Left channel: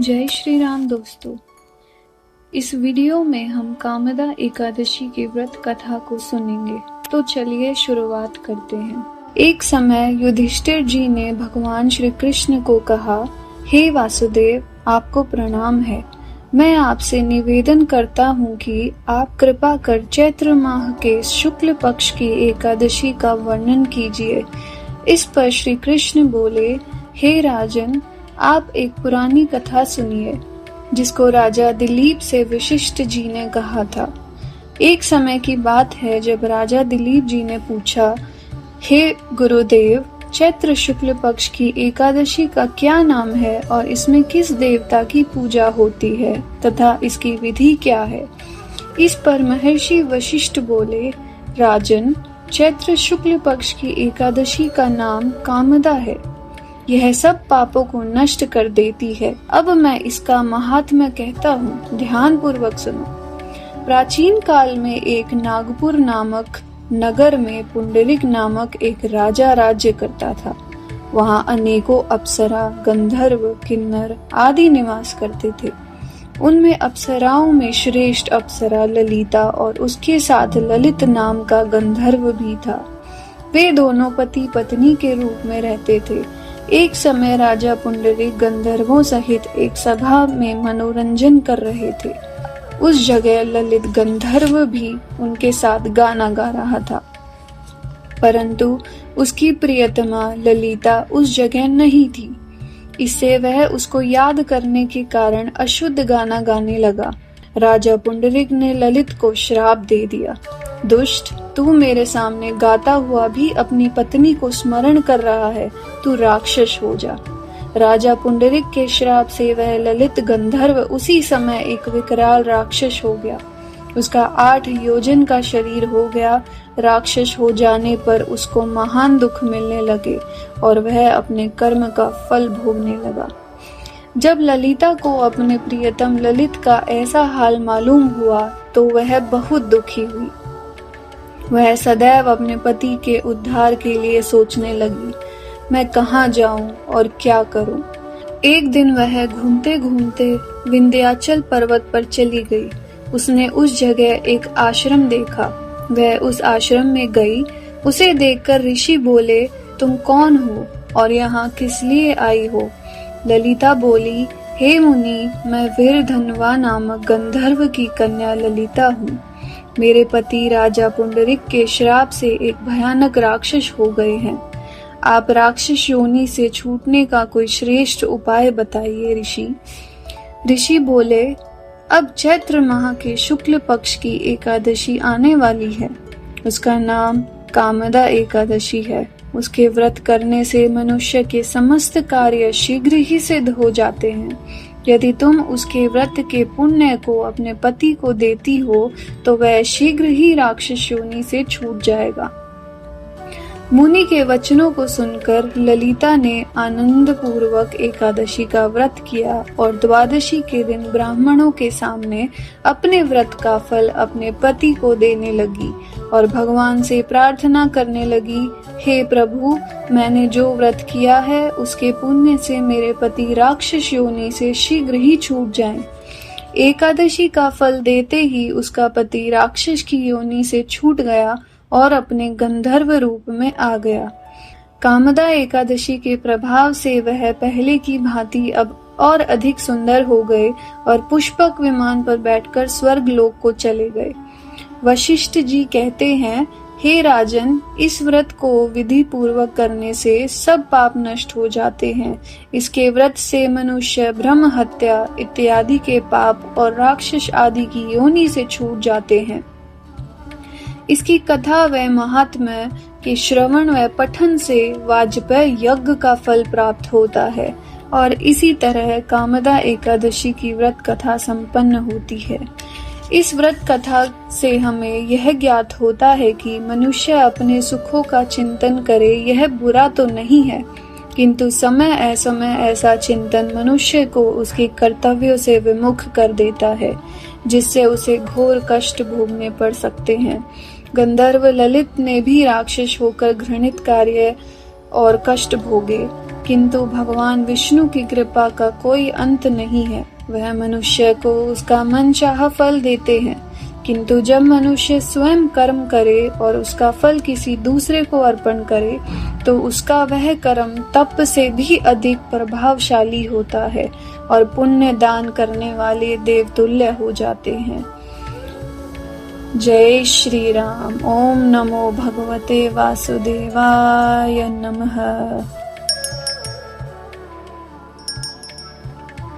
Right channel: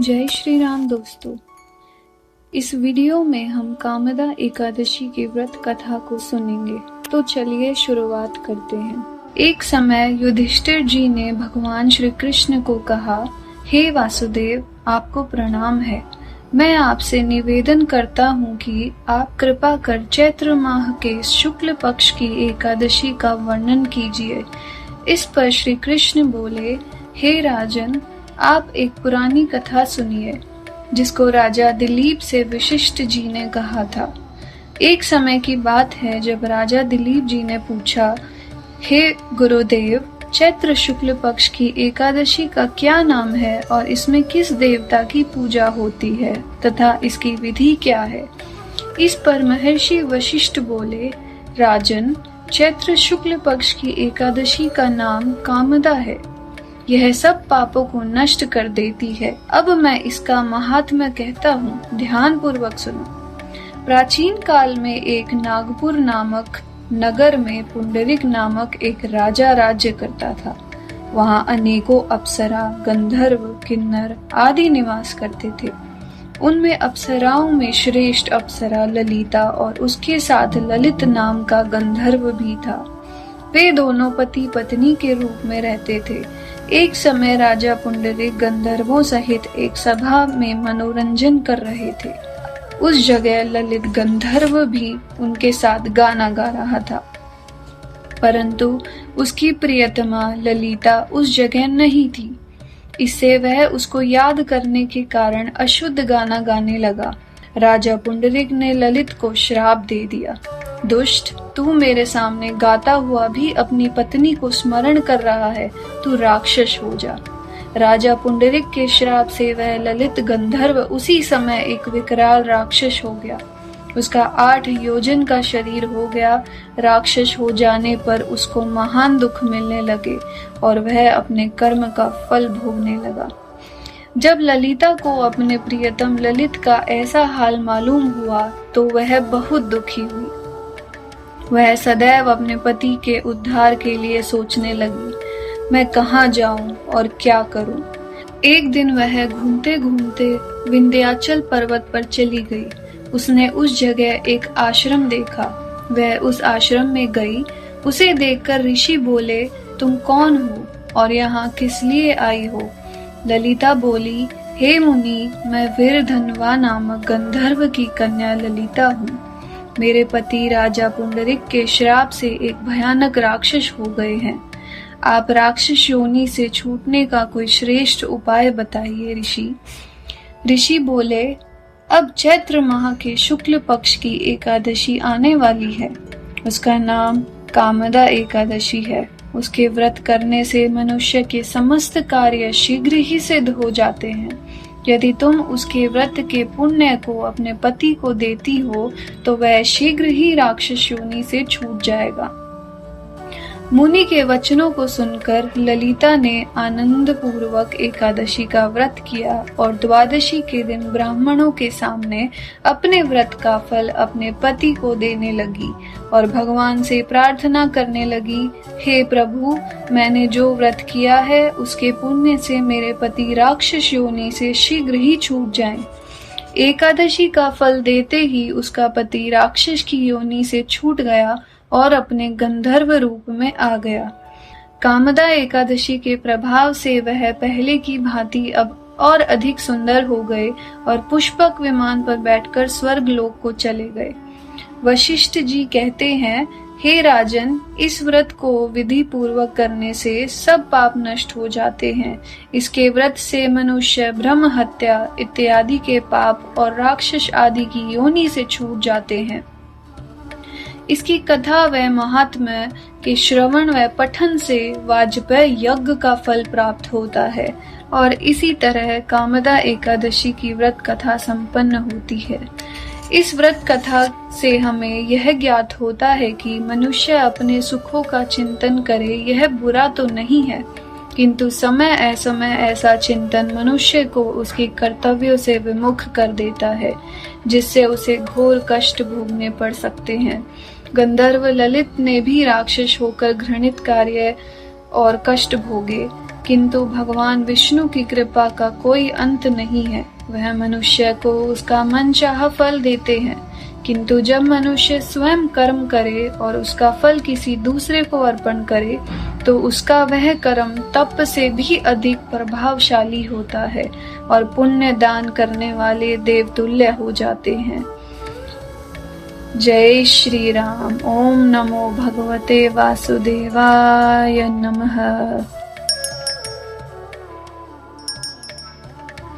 जय श्री राम दोस्तों। इस वीडियो में हम कामदा एकादशी की व्रत कथा को सुनेंगे। तो चलिए शुरुआत करते हैं। एक समय युधिष्ठिर जी ने भगवान श्री कृष्ण को कहा, हे वासुदेव, आपको प्रणाम है। मैं आपसे निवेदन करता हूँ कि आप कृपा कर चैत्र माह के शुक्ल पक्ष की एकादशी का वर्णन कीजिए। इस पर श्री कृष्ण बोले, हे राजन, आप एक पुरानी कथा सुनिए जिसको राजा दिलीप से वशिष्ठ जी ने कहा था। एक समय की बात है जब राजा दिलीप जी ने पूछा, हे गुरुदेव, चैत्र शुक्ल पक्ष की एकादशी का क्या नाम है और इसमें किस देवता की पूजा होती है तथा इसकी विधि क्या है। इस पर महर्षि वशिष्ठ बोले, राजन, चैत्र शुक्ल पक्ष की एकादशी का नाम कामदा है। यह सब पापों को नष्ट कर देती है। अब मैं इसका महात्म्य कहता हूँ, ध्यान पूर्वक सुनो। प्राचीन काल में एक नागपुर नामक नगर में पुंडरीक नामक एक राजा राज्य करता था। वहाँ अनेकों अप्सरा, गंधर्व, किन्नर आदि निवास करते थे। उनमें अप्सराओं में श्रेष्ठ अप्सरा ललिता और उसके साथ ललित नाम का गंधर्व भी था। वे दोनों पति पत्नी के रूप में रहते थे। एक समय राजा पुंडरीक गंधर्वों सहित एक सभा में मनोरंजन कर रहे थे। उस जगह ललित गंधर्व भी उनके साथ गाना गा रहा था, परंतु उसकी प्रियतमा ललिता उस जगह नहीं थी। इससे वह उसको याद करने के कारण अशुद्ध गाना गाने लगा। राजा पुंडरीक ने ललित को श्राप दे दिया, दुष्ट, तू मेरे सामने गाता हुआ भी अपनी पत्नी को स्मरण कर रहा है, तू राक्षस हो जा। राजा पुंडरीक के श्राप से वह ललित गंधर्व उसी समय एक विकराल राक्षस हो गया। उसका 8 योजन का शरीर हो गया। राक्षस हो जाने पर उसको महान दुख मिलने लगे और वह अपने कर्म का फल भोगने लगा। जब ललिता को अपने प्रियतम ललित का ऐसा हाल मालूम हुआ तो वह बहुत दुखी हुई। वह सदैव अपने पति के उद्धार के लिए सोचने लगी, मैं कहाँ जाऊं और क्या करूं। एक दिन वह घूमते घूमते विंध्याचल पर्वत पर चली गई। उसने उस जगह एक आश्रम देखा। वह उस आश्रम में गई। उसे देखकर ऋषि बोले, तुम कौन हो और यहाँ किस लिए आई हो। ललिता बोली, हे मुनि, मैं वीरधनवा नामक गंधर्व की कन्या ललिता हूँ। मेरे पति राजा पुंडरीक के श्राप से एक भयानक राक्षस हो गए हैं। आप राक्षस योनि से छूटने का कोई श्रेष्ठ उपाय बताइए ऋषि। ऋषि बोले, अब चैत्र माह के शुक्ल पक्ष की एकादशी आने वाली है। उसका नाम कामदा एकादशी है। उसके व्रत करने से मनुष्य के समस्त कार्य शीघ्र ही सिद्ध हो जाते हैं। यदि तुम उसके व्रत के पुण्य को अपने पति को देती हो तो वह शीघ्र ही राक्षस योनि से छूट जाएगा। मुनि के वचनों को सुनकर ललिता ने आनंद पूर्वक एकादशी का व्रत किया और द्वादशी के दिन ब्राह्मणों के सामने अपने व्रत का फल अपने पति को देने लगी और भगवान से प्रार्थना करने लगी, हे प्रभु, मैंने जो व्रत किया है उसके पुण्य से मेरे पति राक्षस योनि से शीघ्र ही छूट जाएं। एकादशी का फल देते ही उसका पति राक्षस की योनि से छूट गया और अपने गंधर्व रूप में आ गया। कामदा एकादशी के प्रभाव से वह पहले की भांति अब और अधिक सुंदर हो गए और पुष्पक विमान पर बैठकर स्वर्ग लोक को चले गए। वशिष्ठ जी कहते हैं, हे राजन, इस व्रत को विधि पूर्वक करने से सब पाप नष्ट हो जाते हैं। इसके व्रत से मनुष्य ब्रह्म हत्या इत्यादि के पाप और राक्षस आदि की योनि से छूट जाते हैं। इसकी कथा व महात्म्य के श्रवण व पठन से वाजपेय यज्ञ का फल प्राप्त होता है और इसी तरह कामदा एकादशी की व्रत कथा संपन्न होती है। इस व्रत कथा से हमें यह ज्ञात होता है कि मनुष्य अपने सुखों का चिंतन करे, यह बुरा तो नहीं है, किंतु समय असमय ऐसा चिंतन मनुष्य को उसके कर्तव्यों से विमुख कर देता है, जिससे उसे घोर कष्ट भोगने पड़ सकते हैं। गंधर्व ललित ने भी राक्षस होकर घृणित कार्य और कष्ट भोगे। किंतु भगवान विष्णु की कृपा का कोई अंत नहीं है। वह मनुष्य को उसका मनचाहा फल देते हैं, किंतु जब मनुष्य स्वयं कर्म करे और उसका फल किसी दूसरे को अर्पण करे तो उसका वह कर्म तप से भी अधिक प्रभावशाली होता है और पुण्य दान करने वाले देवतुल्य हो जाते हैं। जय श्री राम। ओम नमो भगवते वासुदेवाय नमः।